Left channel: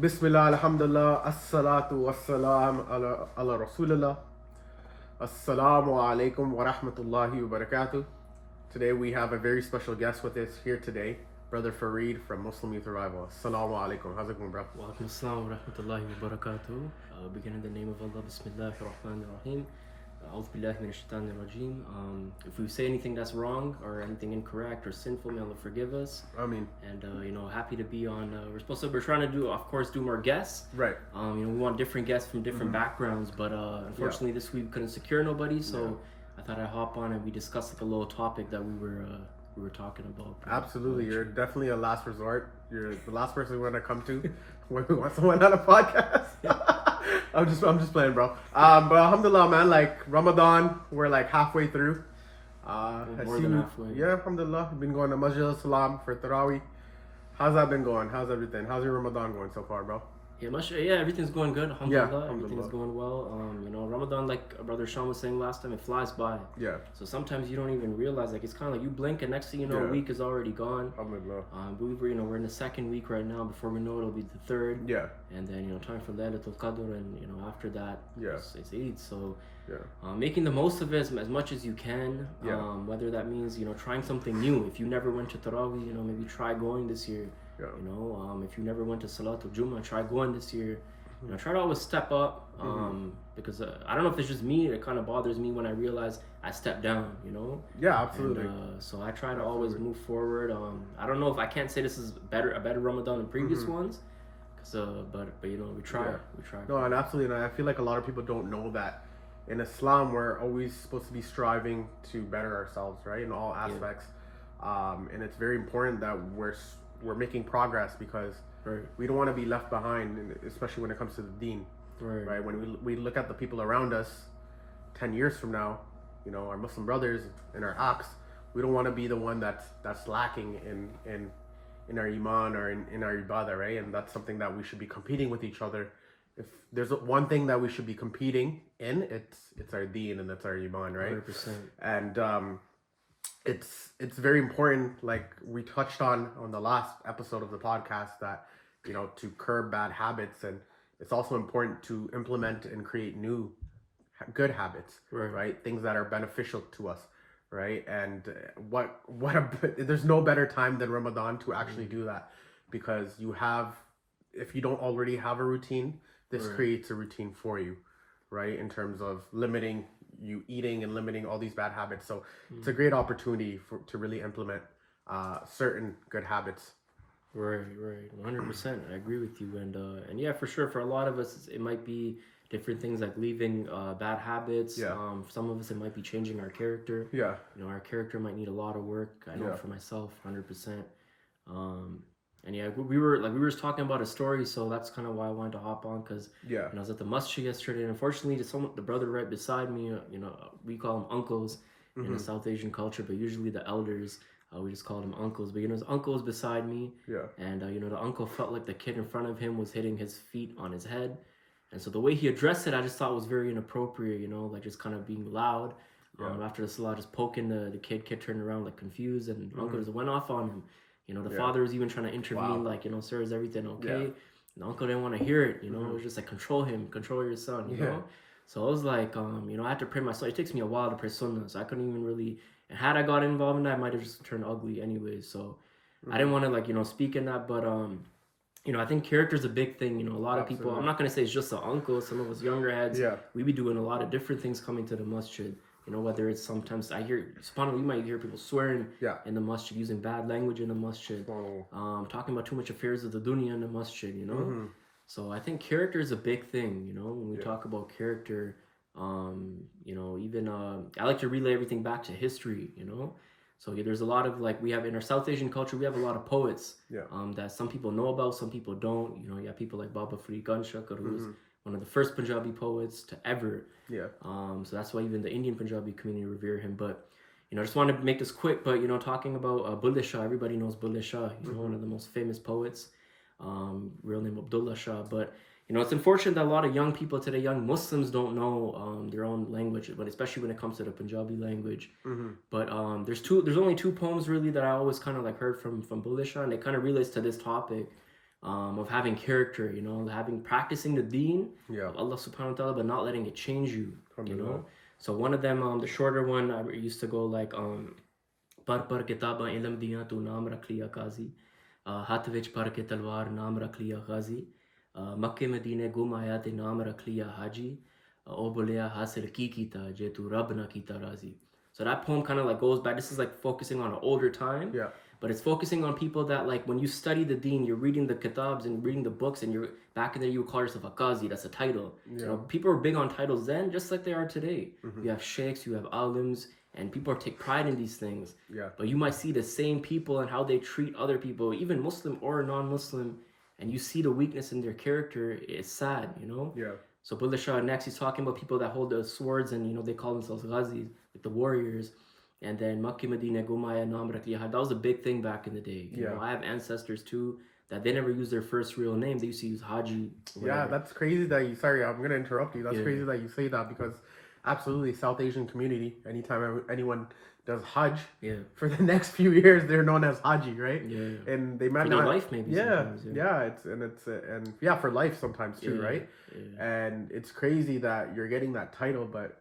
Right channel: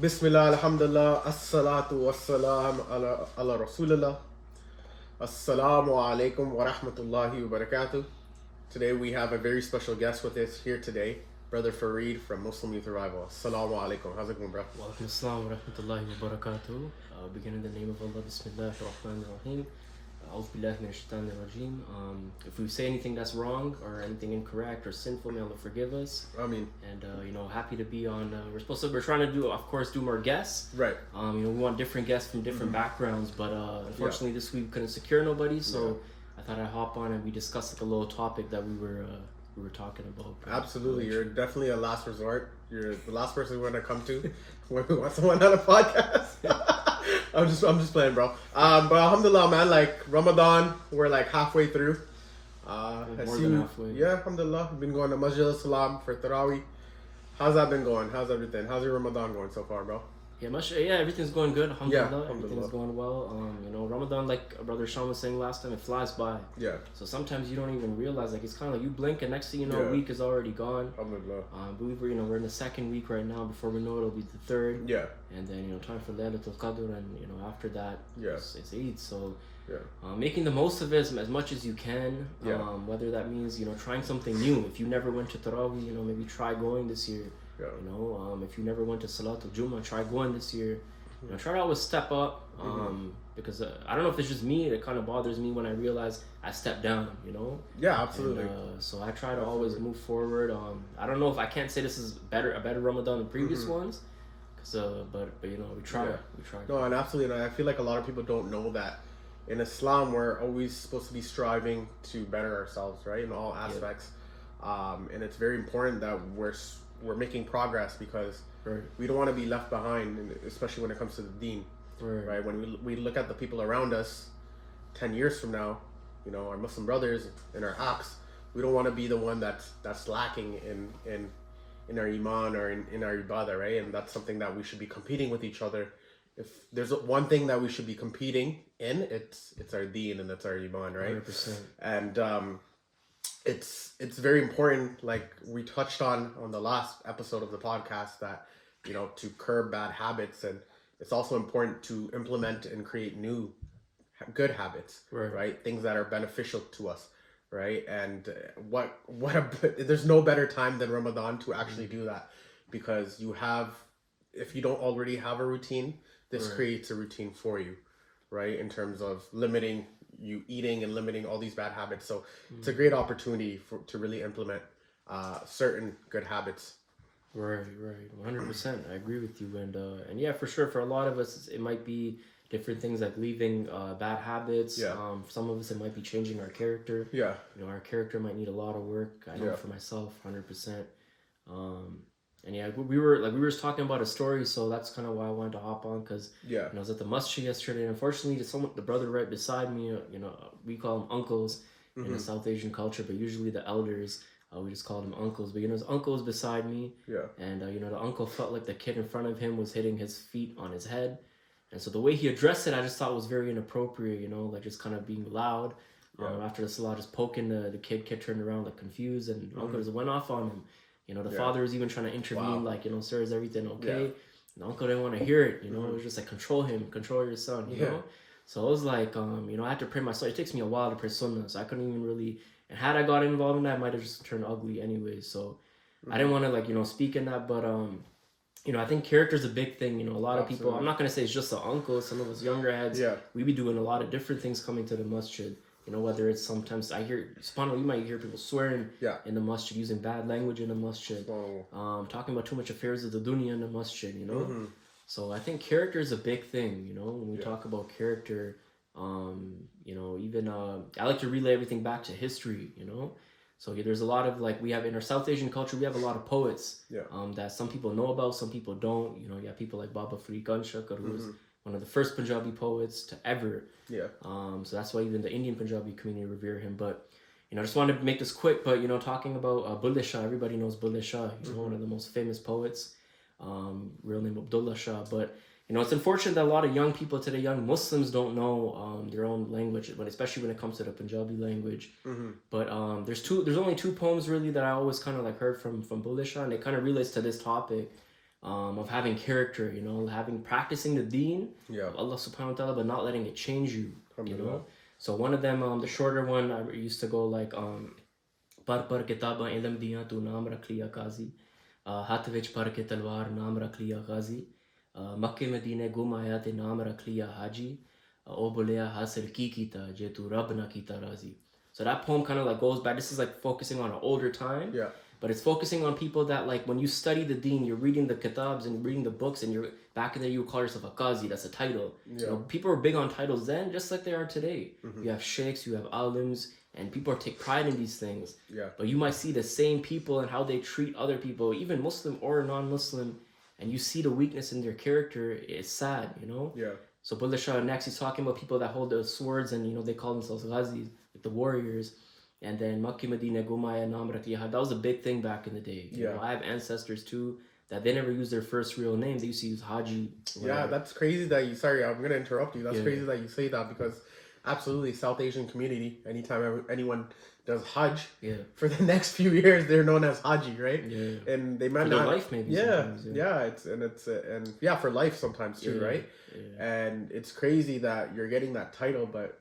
Bismillah, alhamdulillah, assalatu wassalam ala rasulillah. Assalamu alaikum wa rahmatullahi wa barakatuh. Today we have a very special guest with us here today, Brother Fareed from Muslim Youth Revival. Assalamu alaikum. How's it going, bro? Wa alaikum assalam wa rahmatullahi wa barakatuh. Begin in the name of Allah, Bismillah ar-Rahman ar-Rahim. A'udhu billahi minash shaitanir rajeem. If we say anything that's wrong or anything incorrect or sinful, may Allah forgive us. I mean, And happy to be on. We're trying to do, of course, do more guests. right. We want different guests from different backgrounds, but unfortunately this week we couldn't secure nobody, so I thought I'd hop on and we discussed like a little topic that we were talking about. Absolutely. You're definitely a last resort. You're the last person we want to come to when we want someone on a podcast. I'm just playing, bro. But alhamdulillah, man, like Ramadan, we're like halfway through. More than halfway. Yeah, alhamdulillah. We've been going to Masjid al-Salam for Tarawih. How's that been going? How's everything? How's your Ramadan going so far, bro? Yeah, everything's going good. Alhamdulillah, alhamdulillah. everything's going well. Ramadan, like Brother Sean was saying last time, it flies by. Yeah. So sometimes you don't even realize, like it's kind of like you blink and next thing you know, Yeah. a week is already gone. Alhamdulillah. But we're in the second week right now. Before we know it, it'll be the third. Yeah. And then time for Laylatul Qadr, and after that, Yeah. it's Eid. So Yeah. making the most of it as much as you can. Yeah. Whether that means trying something new. If you never went to Tarawih, maybe try going this year. Yeah. If you never went to Salatul Jummah, try going this year. Try to always step up. Because I don't know if it's just me. It kind of bothers me when I realize I step down. Yeah, absolutely. And, so I try to always move forward. I don't know if I can't say this is a better Ramadan than previous ones. But we try. Yeah. We try. No, and absolutely. And I feel like a lot of people don't know that in Islam, we're always supposed to be striving to better ourselves, right? In all aspects. And it's very important that we're making progress because Right. we don't want to be left behind, especially when it comes to the deen. Right? When we look at the people around us 10 years from now, our Muslim brothers and our acts, we don't want to be the one that's lacking in our iman or in our ibadah, right? And that's something that we should be competing with each other. If there's one thing that we should be competing in, it's our deen and it's our iman, right? 100%. And it's very important, like we touched on the last episode of the podcast, that to curb bad habits, and it's also important to implement and create new good habits, right? Things that are beneficial to us, right? And there's no better time than Ramadan to actually do that, because if you don't already have a routine, this creates a routine for you, right? In terms of limiting you eating and limiting all these bad habits. So it's a great opportunity to really implement certain good habits. Right, 100%. I agree with you, and yeah, for sure. For a lot of us, it might be different things like leaving bad habits. Yeah. Some of us, it might be changing our character. Yeah. Our character might need a lot of work. I know Yeah. for myself, 100%. And yeah, we were just talking about a story, so that's kind of why I wanted to hop on, because Yeah. I was at the masjid yesterday, and unfortunately, the brother right beside me, we call them uncles in the South Asian culture, but usually the elders. We just called him uncles, but his uncle was beside me, Yeah. and the uncle felt like the kid in front of him was hitting his feet on his head, and so the way he addressed it, I just thought was very inappropriate, like just kind of being loud. After the salah, just poking the kid turned around like confused, and uncle just went off on him. The father was even trying to intervene, like, sir, is everything okay? Yeah. The uncle didn't want to hear it, it was just like, control him, control your son, you know? So I was like, I had to pray my son. It takes me a while to pray sunnah, so I couldn't even really, and had I got involved in that, I might have just turned ugly anyways. So I didn't want to speak in that, but I think character's a big thing. A lot of people, I'm not going to say it's just the uncle, some of us younger heads, we be doing a lot of different things coming to the masjid. Whether it's sometimes I hear, subhanAllah, you might hear people swearing in the masjid, using bad language in the masjid, talking about too much affairs of the dunya in the masjid, So I think character is a big thing, when we talk about character, even I like to relay everything back to history, So there's a lot of, like, we have in our South Asian culture, we have a lot of poets that some people know about, some people don't. You have people like Baba Fareed Ganshakar, who was one of the first Punjabi poets to ever. So that's why even the Indian Punjabi community revere him. But I just wanted to make this quick. But talking about Bulleh Shah, everybody knows Bulleh Shah. One of the most famous poets. Real name Abdullah Shah. But it's unfortunate that a lot of young people today, young Muslims, don't know their own language, but especially when it comes to the Punjabi language. But there's only two poems really that I always kind of like heard from Bulleh Shah, and it kind of relates to this topic. of having character, you know, practicing the deen of Allah subhanahu wa ta'ala, but not letting it change you, you know. So one of them, the shorter one, I used to go like, par kitaba ilm diyan tu naam rakh liya qazi, hath vich par ke talwar naam rakh liya ghazi, Makke Medine gum aaya te naam rakh liya haji, o bolya hasil ki kita je tu rab na kita razi. So that poem kind of like goes back. This is like focusing on an older time. Yeah. But it's focusing on people that, like, when you study the deen, you're reading the kitabs and reading the books, and you're back in there, you would call yourself a qazi. That's a title. You know, people are big on titles then, just like they are today. You have sheikhs, you have alims, and people take pride in these things. But you might see the same people and how they treat other people, even Muslim or non-Muslim, and you see the weakness in their character. It's sad, you know. So Bulleh Shah next, he's talking about people that hold the swords, and you know they call themselves ghazis, like the warriors. And then Makki Medina Gumaya Naam Rakh Liya, that was a big thing back in the day. You know, I have ancestors too that they never used their first real name. They used to use Haji. Yeah, that's crazy that you. Sorry, I'm gonna interrupt you. That's crazy that you say that, because absolutely, South Asian community. Anytime anyone does Hajj, for the next few years, they're known as Haji, right? And they might for their life maybe. It's for life sometimes too, right? And it's crazy that you're getting that title, but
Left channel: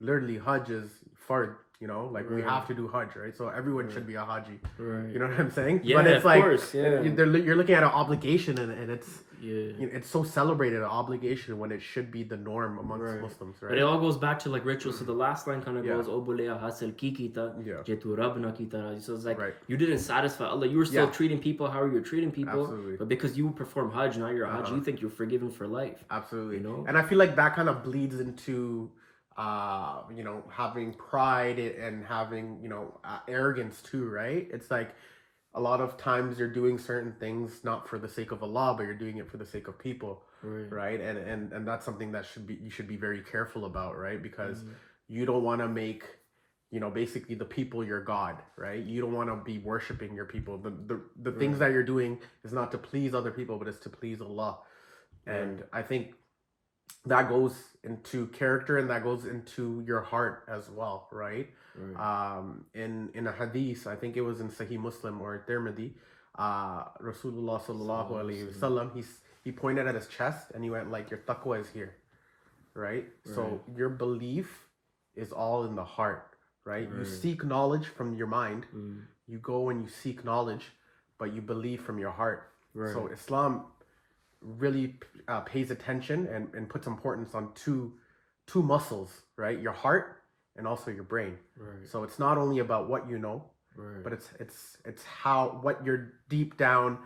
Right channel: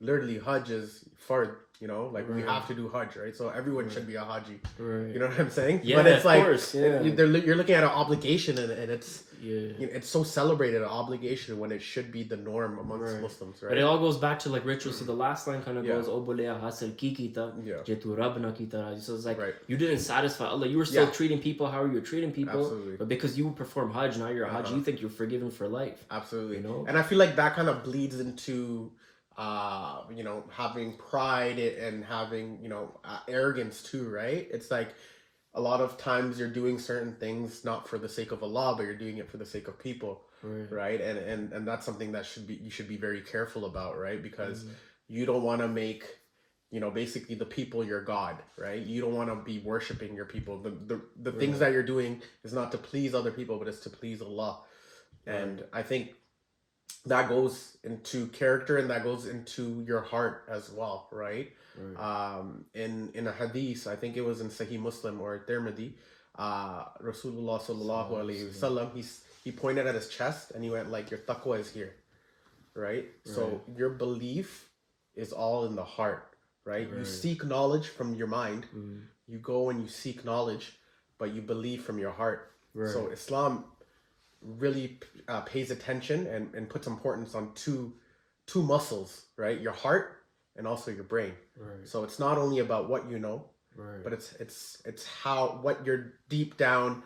literally Hajj is fard. You know, like we have to do Hajj, right? So everyone should be a Haji. You know what I'm saying? Yeah, but it's of like, course. Yeah. You're looking at an obligation, and it's it's so celebrated, an obligation, when it should be the norm amongst Muslims, right? But it all goes back to like rituals. So the last line kind of goes, "O bolya hasil ki kita, jetu rab na kita raji." So it's like you didn't satisfy Allah. You were still treating people how you were treating people, but because you perform Hajj, now you're a Haji, you think you're forgiven for life. Absolutely. You know, and I feel like that kind of bleeds into you know, having pride and having, you know, arrogance too, right? It's like a lot of times you're doing certain things not for the sake of Allah, but you're doing it for the sake of people, right? And that's something that you should be very careful about, right? Because you don't want to make, you know, basically the people your God, right? You don't want to be worshiping your people. The things that you're doing is not to please other people, but it's to please Allah. And I think that goes into character, and that goes into your heart as well, right? In a hadith, I think it was in Sahih Muslim or Tirmidhi, Rasulullah sallallahu alaihi wasallam, he pointed at his chest and he went like, your taqwa is here, right? So your belief is all in the heart, right? You seek knowledge from your mind, you go and you seek knowledge, but you believe from your heart. So Islam really pays attention and puts importance on two muscles, right? Your heart and also your brain. So it's not only about what you know, but it's how, what your deep down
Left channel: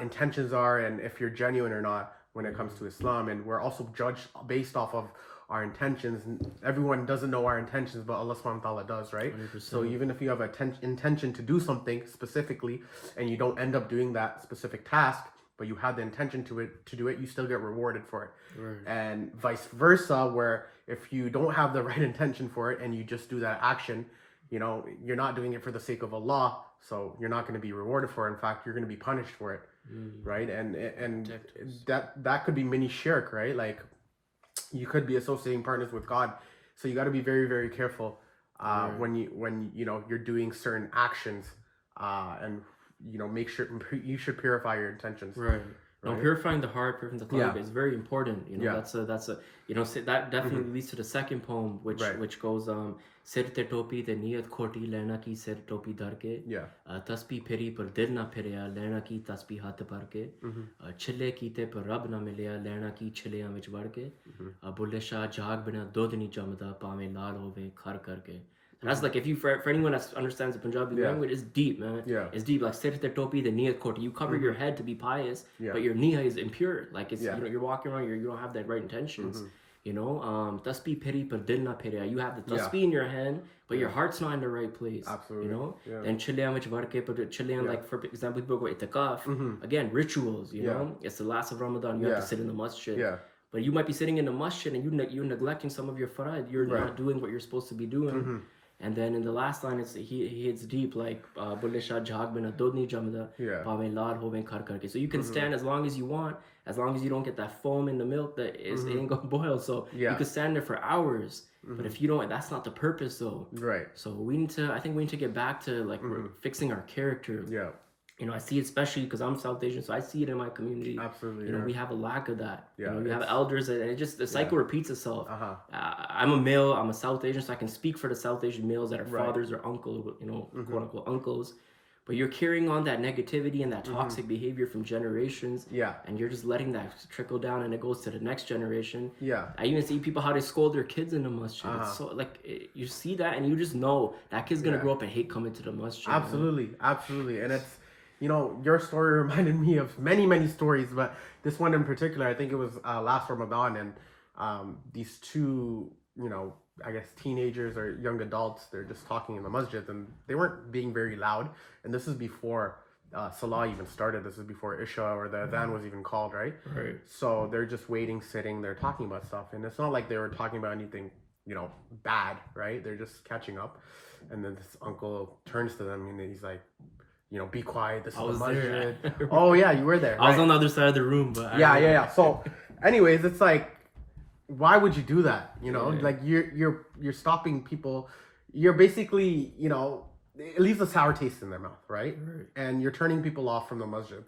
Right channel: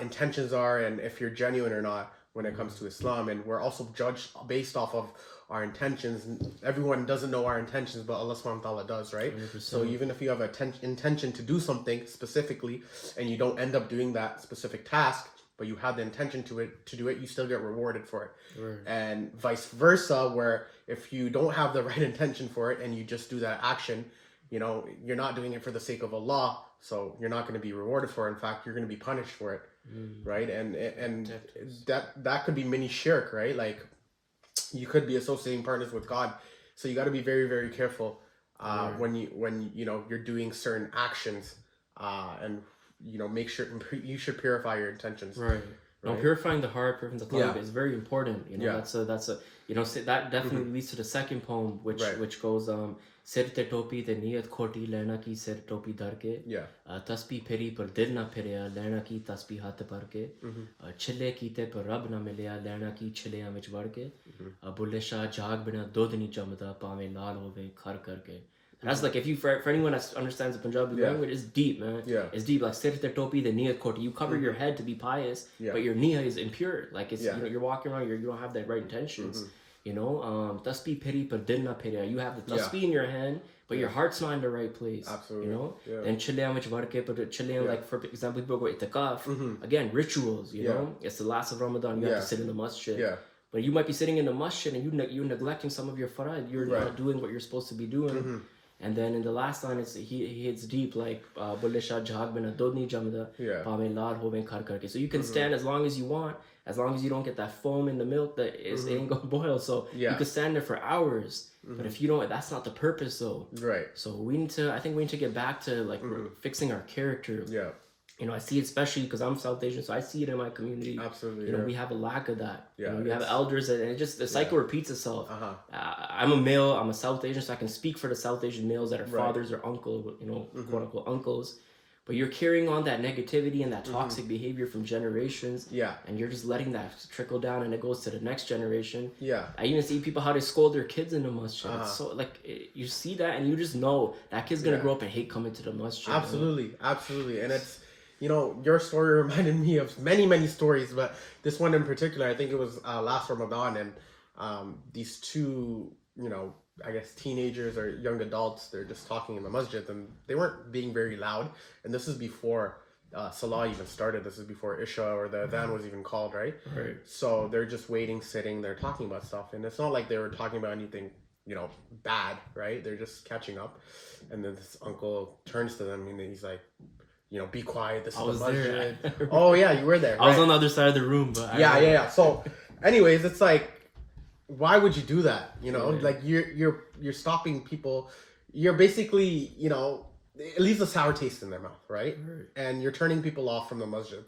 intentions are, and if you're genuine or not when it comes to Islam. And we're also judged based off of our intentions. Everyone doesn't know our intentions, but Allah subhanahu wa ta'ala does, right? 100%. So even if you have an intention to do something specifically and you don't end up doing that specific task, but you had the intention to do it, you still get rewarded for it. And vice versa, where if you don't have the right intention for it and you just do that action, you know, you're not doing it for the sake of Allah, so you're not going to be rewarded for it. In fact, you're going to be punished for it, right? And that could be mini shirk, right? Like, you could be associating partners with God, so you got to be very, very careful when you know you're doing certain actions, and you know, make sure you should purify your intentions. Now, purifying the heart, purifying the qalb is very important. You know, that's a you know, that definitely leads to the second poem, which goes Sir te topi te niyat khoti lena ki sir topi dar ke, tasbih phiri par dil na phirya lena ki tasbih hath par ke, chille kite par rab na milya lena ki chilleyan vich var ke, bulle shah jaag bina dodh ni jamda paave laal hove khar karke. That's like, if you, for anyone that understands the Punjabi language, it's deep, man. It's deep. Like, sir te topi the niyat khoti, you cover your head to be pious, but your niyyah is impure. Like, it's you know, you're walking around, you don't have that right intentions. You know, tasbih phiri par dil na phirya. You have the tasbih in your hand, but your heart's not in the right place. Absolutely. You know, then chilleyan vich varke, but chilleyan, like, for example, people go itikaf. Again, rituals. You know, it's the last of Ramadan. You have to sit in the masjid. But you might be sitting in the masjid and you're neglecting some of your farad. You're not doing what you're supposed to be doing. And then in the last line, he hits deep, like Bulle Shah jhaag bina dodh ni jamda paave laal hove khar karke. So you can stand as long as you want, as long as you don't get that foam in the milk that it ain't gonna boil. So you could stand there for hours. But if you don't, that's not the purpose though. So I think we need to get back to like fixing our character. You know, I see it especially because I'm South Asian, so I see it in my community. Absolutely. You know, we have a lack of that. Yeah, You know, you have elders, and it just the cycle repeats itself. I'm a male. I'm a South Asian, so I can speak for the South Asian males that are fathers or uncle. You know, quote unquote uncles. But you're carrying on that negativity and that toxic behavior from generations. Yeah. And you're just letting that trickle down, and it goes to the next generation. Yeah. I even see people how they scold their kids in the masjid. It's so you see that, and you just know that kid's gonna grow up and hate coming to the masjid. Absolutely, absolutely, and it's, you know, your story reminded me of many stories, but this one in particular, I think it was last Ramadan, and these two, you know, I guess teenagers or young adults, they're just talking in the masjid, and they weren't being very loud, and this is before Salah even started. This is before Isha or the Adhan was even called, right? Right. So they're just waiting, sitting, they're talking about stuff, and it's not like they were talking about anything, you know, bad, right? They're just catching up, and then this uncle turns to them and he's like, you know, be quiet. This I is was the there. masjid. Oh yeah, you were there. I was on the other side of the room, but yeah. So, anyways, it's like, why would you do that? You know, like you're stopping people. You're basically, you know, it leaves a sour taste in their mouth, right? And you're turning people off from the masjid.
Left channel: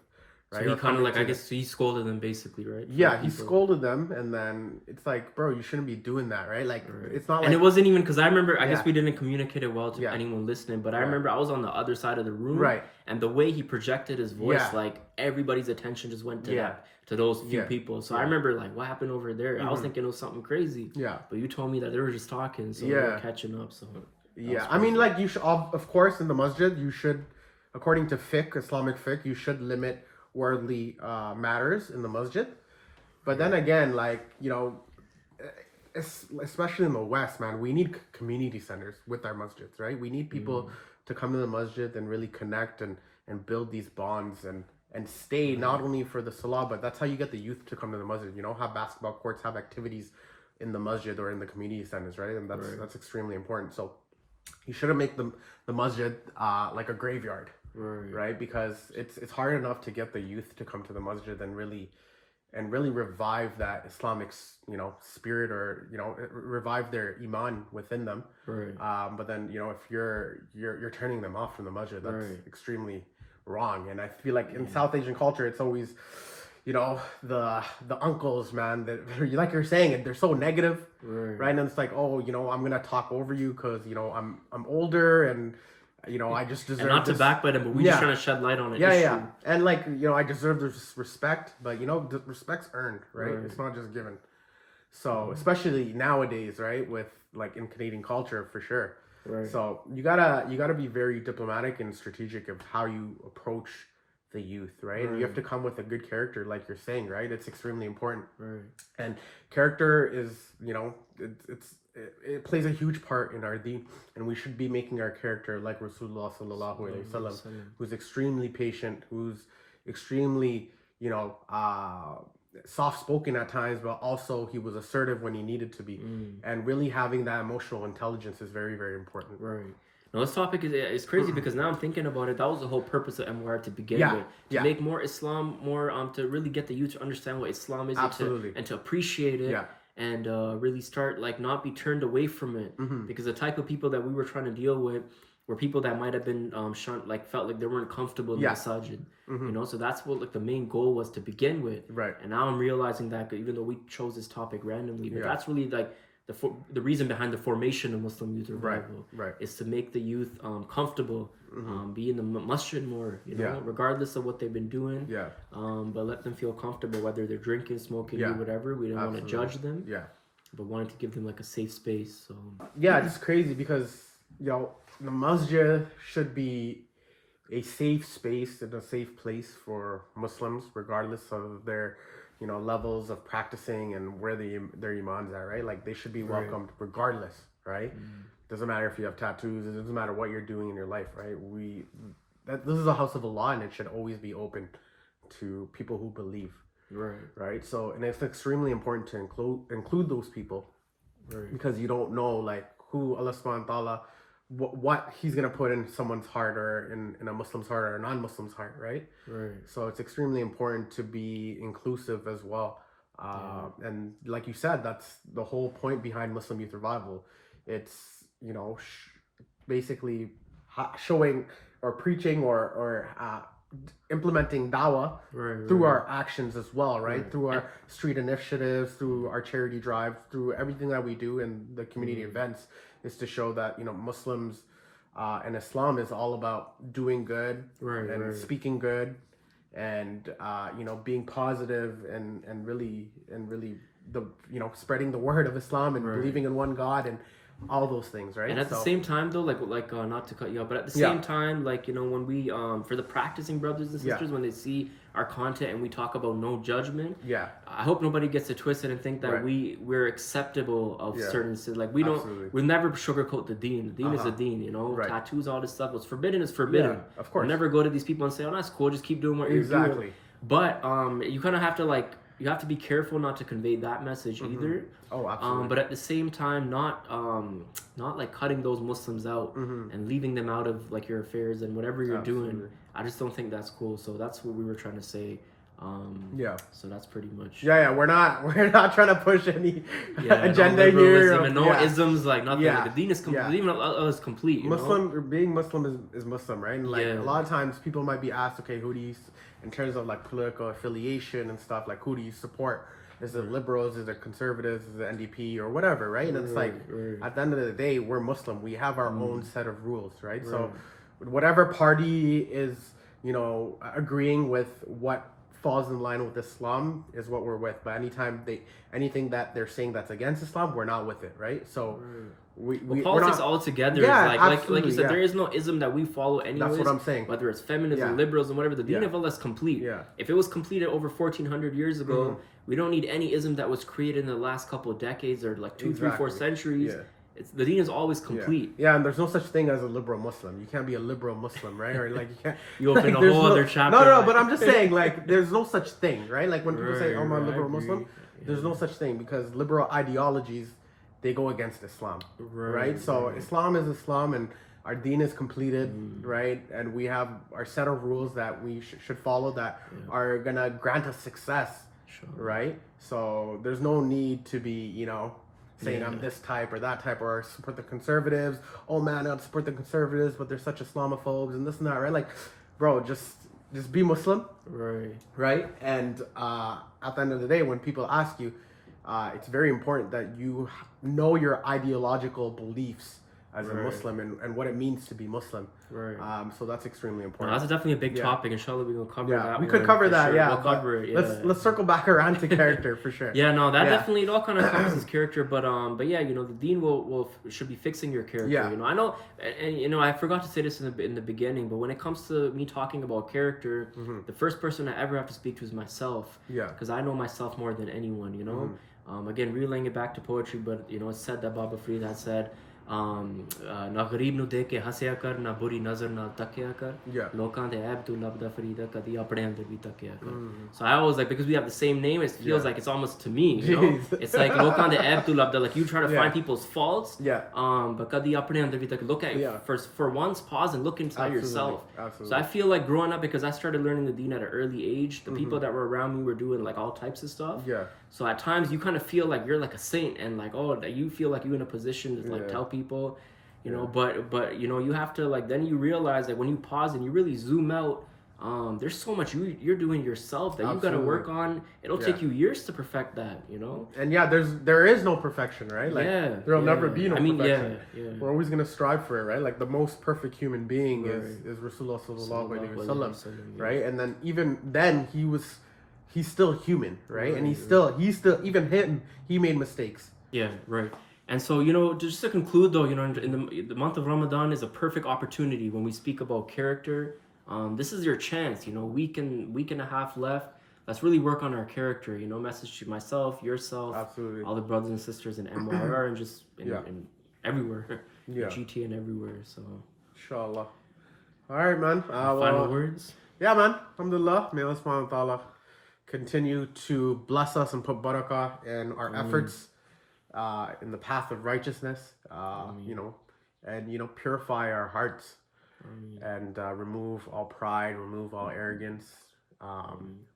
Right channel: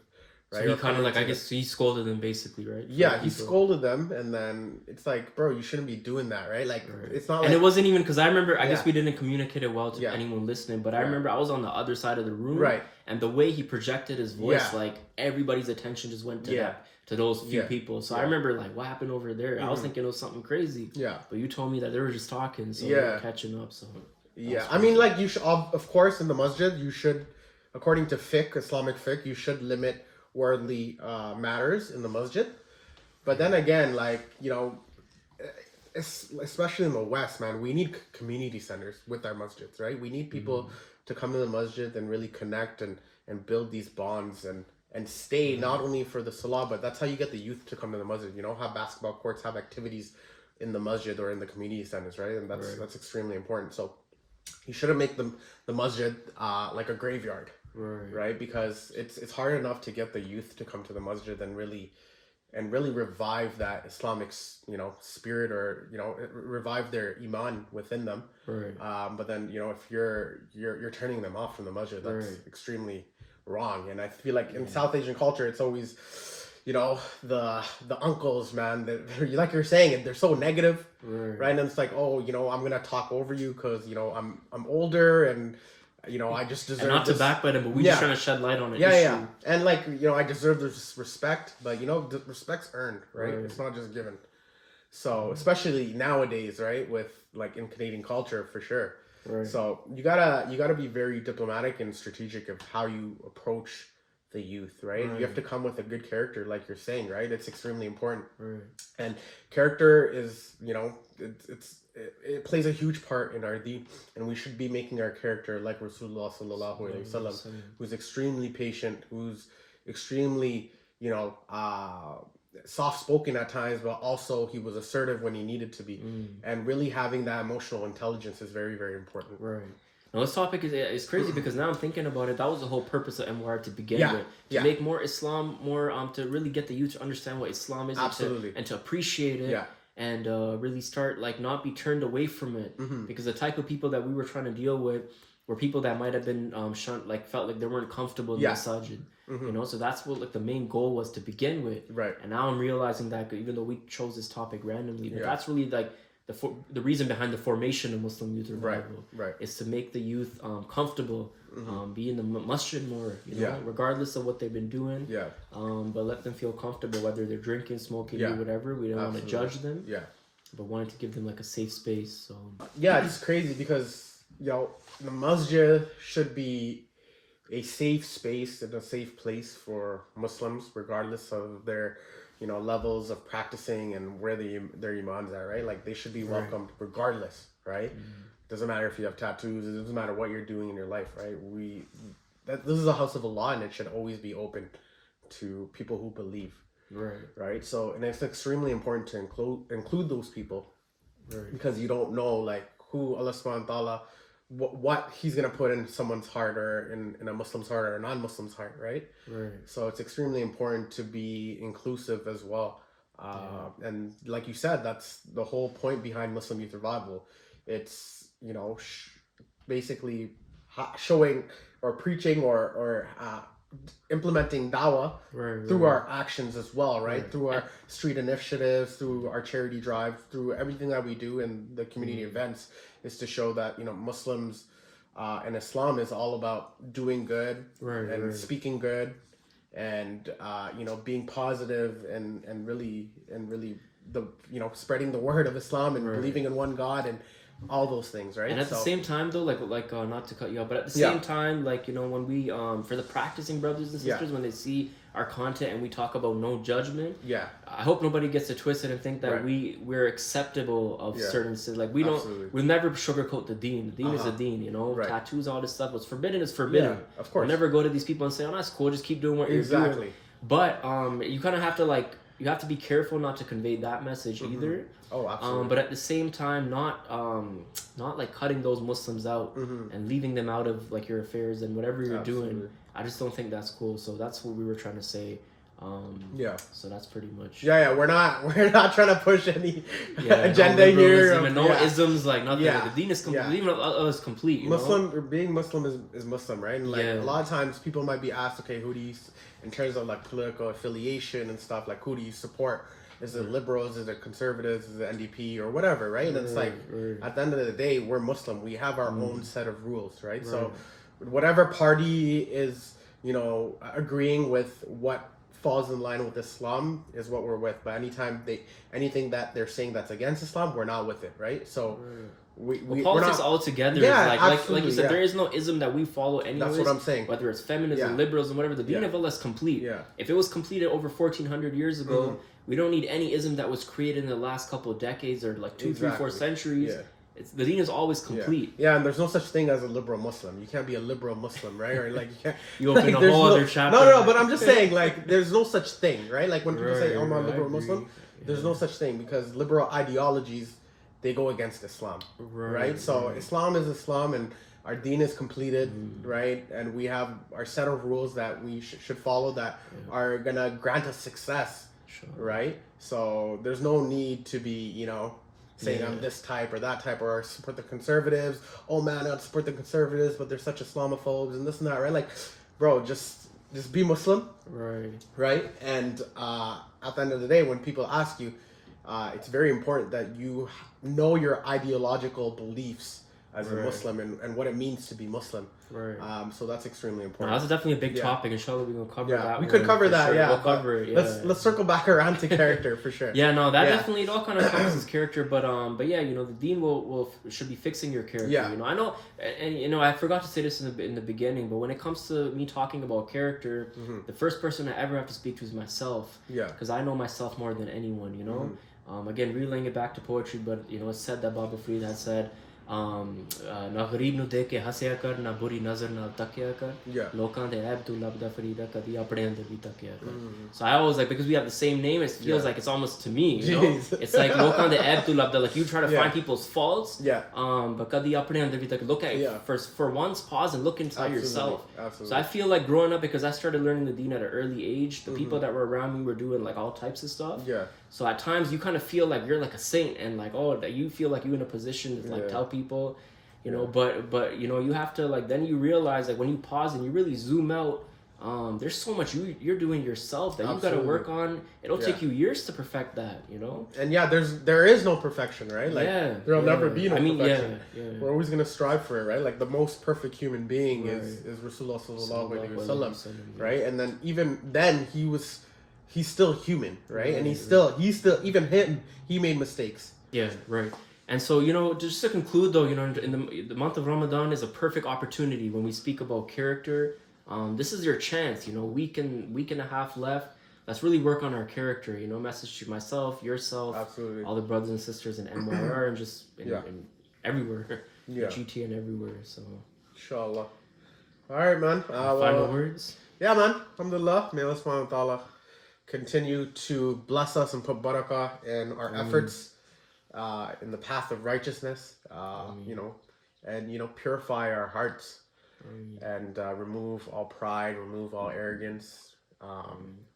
Right? So he kind of like, I guess he scolded them basically, right? Yeah, he scolded them, and then it's like, bro, you shouldn't be doing that, right? Like, it's not. And like, it wasn't even because I remember. I guess we didn't communicate it well to anyone listening, but I remember I was on the other side of the room, right? And the way he projected his voice, like everybody's attention just went to that, to those few people. So I remember like, what happened over there? I was thinking it was something crazy. Yeah. But you told me that they were just talking, so they were catching up. So yeah, I mean, like you should, of course, in the masjid, you should, according to fiqh, Islamic fiqh, you should limit worldly matters in the masjid. But then again, like, you know, especially in the West, man, we need community centers with our masjids, right? We need people to come to the masjid and really connect and build these bonds and stay not only for the salah, but that's how you get the youth to come to the masjid. You know, have basketball courts, have activities in the masjid or in the community centers, right? And that's extremely important. So you shouldn't make the masjid like a graveyard. Right, because it's hard enough to get the youth to come to the masjid and really revive that Islamic, you know, spirit, or, you know, revive their iman within them. Right. But then, you know, if you're turning them off from the masjid, that's extremely wrong. And I feel like in South Asian culture, it's always, you know, the uncles, man, that, like you're saying, they're so negative, right? And it's like, oh, you know, I'm gonna talk over you because, you know, I'm older, and, you know, I just deserve. And not to backbite him, but we just trying to shed light on it. Yeah. And like, you know, I deserve this respect, but, you know, the respect's earned, right? It's not just given. So especially nowadays, right, with like in Canadian culture, for sure. Right. So you gotta be very diplomatic and strategic of how you approach the youth, right? You have to come with a good character, like you're saying, right? It's extremely important. Right. And character is, you know, it plays a huge part in our deen, and we should be making our character like Rasulullah sallallahu alaihi wasallam, who's extremely patient, who's extremely, you know, soft-spoken at times, but also he was assertive when he needed to be, and really having that emotional intelligence is very, very important. Right. Now, this topic is crazy because now I'm thinking about it. That was the whole purpose of MYR to begin with, to make more Islam, more to really get the youth to understand what Islam is, and to appreciate it. And really start, like, not be turned away from it, because the type of people that we were trying to deal with were people that might have been shunned, like felt like they weren't comfortable in the masajid, you know. So that's what, like, the main goal was to begin with. Right. And now I'm realizing that, even though we chose this topic randomly, but that's really like the reason behind the formation of Muslim Youth Revival, is to make the youth comfortable, be in the masjid more, you know, regardless of what they've been doing. But let them feel comfortable, whether they're drinking, smoking, or whatever. We don't want to judge them. But wanted to give them like a safe space. So it's crazy because, you know, the masjid should be a safe space and a safe place for Muslims, regardless of their, you know, levels of practicing and where their imams are, right? Like, they should be welcomed regardless, right? Doesn't matter if you have tattoos. It doesn't matter what you're doing in your life, right? This is a house of Allah, and it should always be open to people who believe, right? So, and it's extremely important to include those people, because you don't know, like, who Allah subhanahu wa ta'ala, what he's gonna put in someone's heart, or in a Muslim's heart, or a non-Muslim's heart, right? So it's extremely important to be inclusive as well. And like you said, that's the whole point behind Muslim Youth Revival. It's, you know, basically showing or preaching or implementing dawah through our actions as well, right? Through our street initiatives, through our charity drive, through everything that we do in the community events, is to show that, you know, Muslims and Islam is all about doing good and speaking good and you know, being positive and really the, you know, spreading the word of Islam and believing in one God and all those things, right? And at the same time, though, like not to cut you off, but at the same time, like, you know, when we for the practicing brothers and sisters, when they see our content and we talk about no judgment, I hope nobody gets it twisted and think that we're acceptable of certain sins. Like, we'll never sugarcoat the deen. The deen is the deen, you know. Tattoos, all this stuff, what's forbidden is forbidden. Of course. We'll never go to these people and say, oh, that's cool, just keep doing what you're doing. But you kind of have to, like, you have to be careful not to convey that message either. Oh, absolutely. But at the same time, not like cutting those Muslims out and leaving them out of like your affairs and whatever you're doing. I just don't think that's cool. So that's what we were trying to say. So that's pretty much. We're not trying to push any agenda here. And no isms, like nothing. Like the deen is complete. Even is complete. You know? Being Muslim is Muslim, right? And like a lot of times people might be asked, okay, who do you, in terms of like political affiliation and stuff, like who do you support? Is it liberals? Is it conservatives? Is it NDP or whatever, right? And it's like at the end of the day, we're Muslim. We have our own set of rules, right? So whatever party is, you know, agreeing with what falls in line with Islam is what we're with. But anything that they're saying that's against Islam, we're not with it, right? So politics altogether is like you said, there is no ism that we follow anyways. That's what I'm saying. Whether it's feminism, liberals, and whatever, the deen of Allah is complete. If it was completed over 1400 years ago, we don't need any ism that was created in the last couple of decades or like 2, 3, 4 centuries. The deen is always complete. And there's no such thing as a liberal Muslim. You can't be a liberal Muslim, right? Or like you can't. You open a whole other chapter. No, but I'm just saying, like, there's no such thing, right? Like when people say, "Oh, I'm a liberal Muslim," there's no such thing because liberal ideologies, they go against Islam, right? So Islam is Islam, and our deen is completed, right? And we have our set of rules that we should follow that are gonna grant us success, right? So there's no need to be, you know, saying I'm this type or that type or support the conservatives. Oh man, I support the conservatives, but they're such Islamophobes and this and that, right? Like, bro, just be Muslim, right? And at the end of the day, when people ask you, it's very important that you know your ideological beliefs as a Muslim and what it means to be Muslim. So that's extremely important. No, that's definitely a big topic. Inshallah, we're gonna cover that. We could cover that. Sure. We'll cover it. Let's circle back around to character for sure. Definitely it all kind of encompasses character, but yeah, you know, the deen should be fixing your character. You know, I know, and you know, I forgot to say this in the beginning, but when it comes to me talking about character, the first person I ever have to speak to is myself. Because I know myself more than anyone. You know, again, relaying it back to poetry, but you know, it's said that Baba Fareed had said, ना गरीब नु देख के हंसया कर ना बुरी नजर ना तकिया कर लोकां दे ऐब तू लबदा फरीदा कदी अपने अंदर भी तकिया कर. So I always like, because we have the same name, it feels like it's almost to me, you know. It's like लोकां दे ऐब तू लबदा, like you try to find people's faults, but कदी अपने अंदर भी तक, look at for once, pause and look inside yourself. So I feel like growing up, because I started learning the deen at an early age, the people that were around me were doing like all types of stuff. So at times you kind of feel like you're like a saint, and like, oh, that you feel like you're in a position to like tell people, you know, but you know, you have to like, then you realize like when you pause and you really zoom out, there's so much you're doing yourself that you've got to work on. It'll take you years to perfect that, you know. And there is no perfection, right? Like, there'll never be no perfection. We're always gonna strive for it, right? Like the most perfect human being is Rasulullah sallallahu alaihi wasallam, right? And then even then he's still human, right? And he's still even him, he made mistakes. And so, you know, just to conclude though, you know, in the month of Ramadan is a perfect opportunity when we speak about character. This is your chance, you know, week and a half left. Let's really work on our character, you know, message to myself, yourself, all the brothers and sisters in MYR and just in everywhere, GT and everywhere. So, inshallah. All right, man. Final words? Yeah, man. Alhamdulillah. May Allah subhanahu wa ta'ala continue to bless us and put barakah in our efforts in the path of righteousness, you know, and, you know, purify our hearts and remove all pride, remove all arrogance,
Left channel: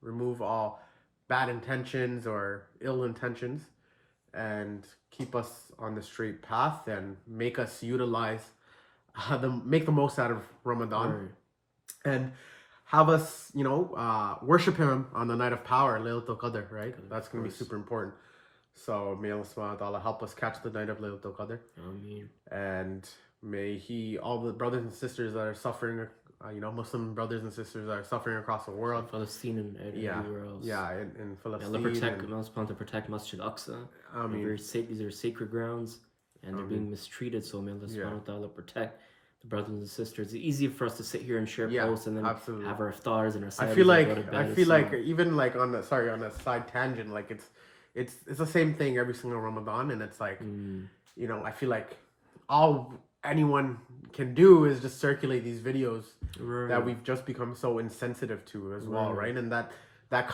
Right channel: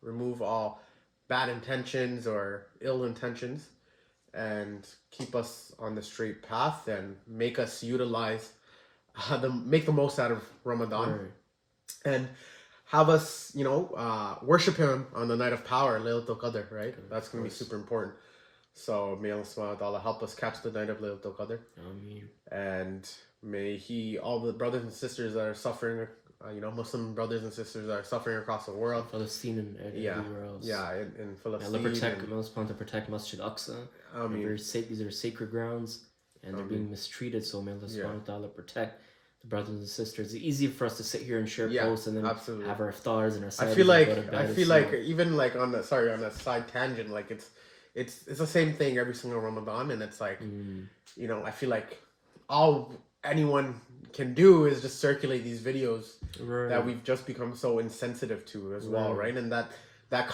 remove all bad intentions or ill intentions, and keep us on the straight path and make us utilize, make the most out of Ramadan. And have us, worship him on the night of power, Laylatul Qadr, right? That's going to be super important. So may Allah subhanahu wa ta'ala help us catch the night of Laylatul Qadr. Ameen. And may He, all the brothers and sisters that are suffering, Muslim brothers and sisters that are suffering across the world, Palestine and everywhere else. Yeah, in Palestine. Allah protect Masjid Aqsa. These are sacred grounds, and they're being mistreated. So may Allah subhanahu wa ta'ala protect the brothers and sisters. It's easy for us to sit here and share posts and then have our iftars and our sides and go to bed. I feel like even like on that side tangent, like it's the same thing every single Ramadan, and it's like I feel like all anyone can do is just circulate these videos that we've just become so insensitive to as well, right? And that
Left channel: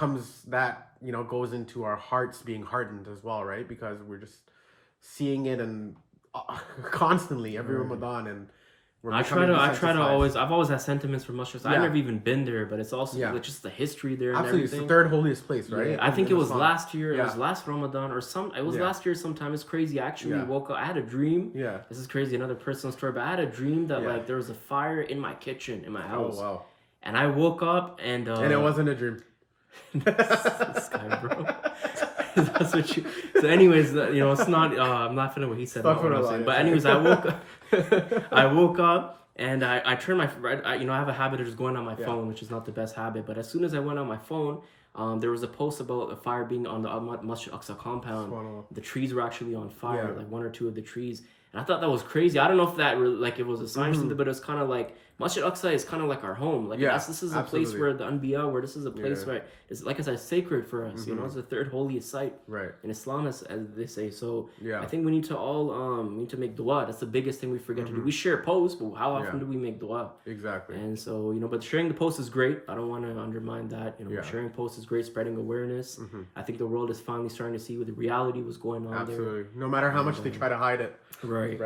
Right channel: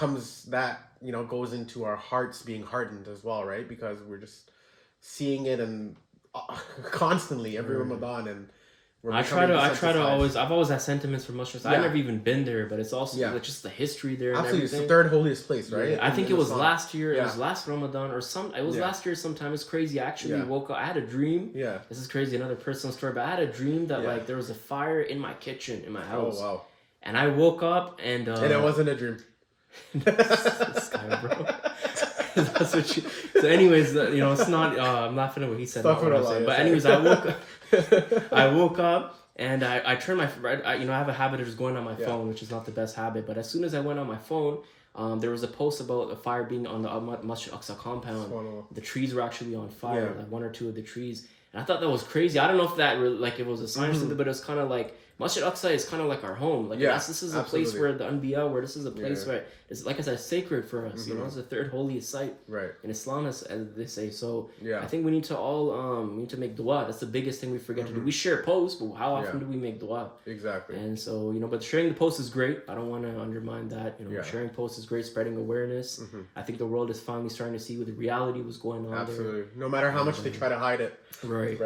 goes into our hearts being hardened as well, right? Because we're just seeing it and constantly every Ramadan, and I've always had sentiments for Muslims. I've never even been there, but it's also like just the history there and everything. It's the third holiest place, right? Yeah, I think it was last year. It was last Ramadan last year sometime. It's crazy. I actually woke up. I had a dream. Yeah. This is crazy. Another personal story, but I had a dream that like there was a fire in my kitchen in my house. Oh wow. And I woke up and it wasn't a dream. This guy, bro. That's what you. So, anyways, it's not. I'm laughing at what he said. Not what I'm saying. But anyways, I woke up and I turned my. I have a habit of just going on my phone, which is not the best habit. But as soon as I went on my phone, there was a post about a fire being on the Masjid Aqsa compound. The trees were actually on fire, like one or two of the trees. And I thought that was crazy. I don't know if that it was a sign or something, but it was kind of like Masjid Aqsa is kind of like our home. Like this is a place where the Anbiya, where this is a place where it's like I said, sacred for us. It's the third holiest site in Islam, as they say. So I think we need to all make dua. That's the biggest thing we forget to do. We share posts, but how often do we make dua? Exactly. And so but sharing the post is great. I don't want to undermine that. Sharing posts is great, spreading awareness. I think the world is finally starting to see what the reality was going on there. No matter how much they try to hide it. Right.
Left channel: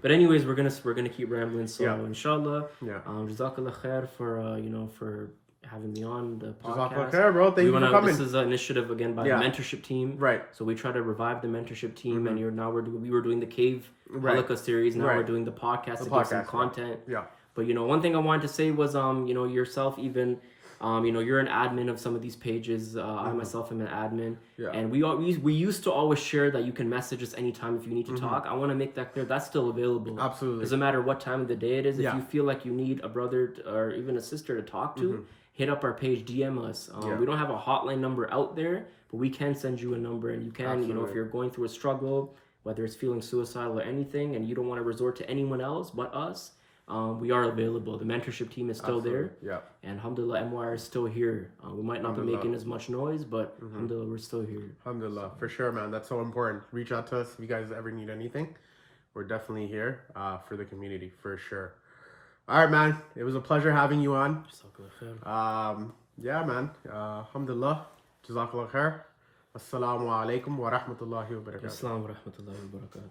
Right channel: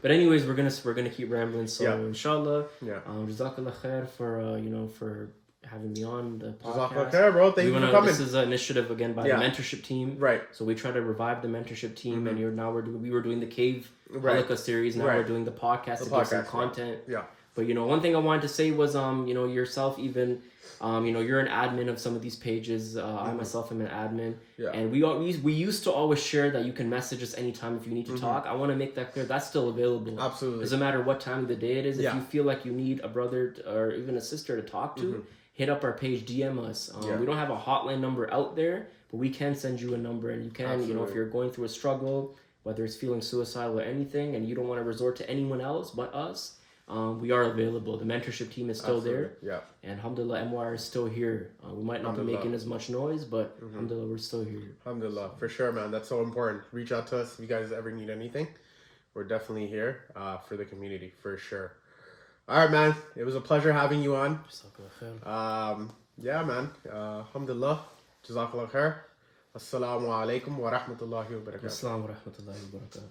But anyways, we're gonna keep rambling. So inshallah, jazakallah khair for having me on the podcast. Khair, bro. Thank you for coming. This is an initiative again by the mentorship team. Right. So we try to revive the mentorship team, and we were doing the cave halakha series. Now we're doing the podcast to give some content. Yeah. But one thing I wanted to say was yourself even. You're an admin of some of these pages. I myself am an admin, and we used to always share that you can message us anytime if you need to talk. I want to make that clear. That's still available. Absolutely. Doesn't matter what time of the day it is. If you feel like you need a brother or even a sister to talk to, hit up our page, DM us. We don't have a hotline number out there, but we can send you a number, and you can, if you're going through a struggle, whether it's feeling suicidal or anything, and you don't want to resort to anyone else but us. We are available. The mentorship team is still there. Yeah. And alhamdulillah, MYR is still here. We might not be making as much noise, but alhamdulillah, we're still here. Alhamdulillah. For sure, man. That's so important. Reach out to us if you guys ever need anything. We're definitely here for the community, for sure. All right, man. It was a pleasure having you on. Yeah, man. Alhamdulillah. Jazakallah khair. Assalamu alaikum wa rahmatullahi wa barakatuh. Assalamu wa rahmatullahi wa barakatuh.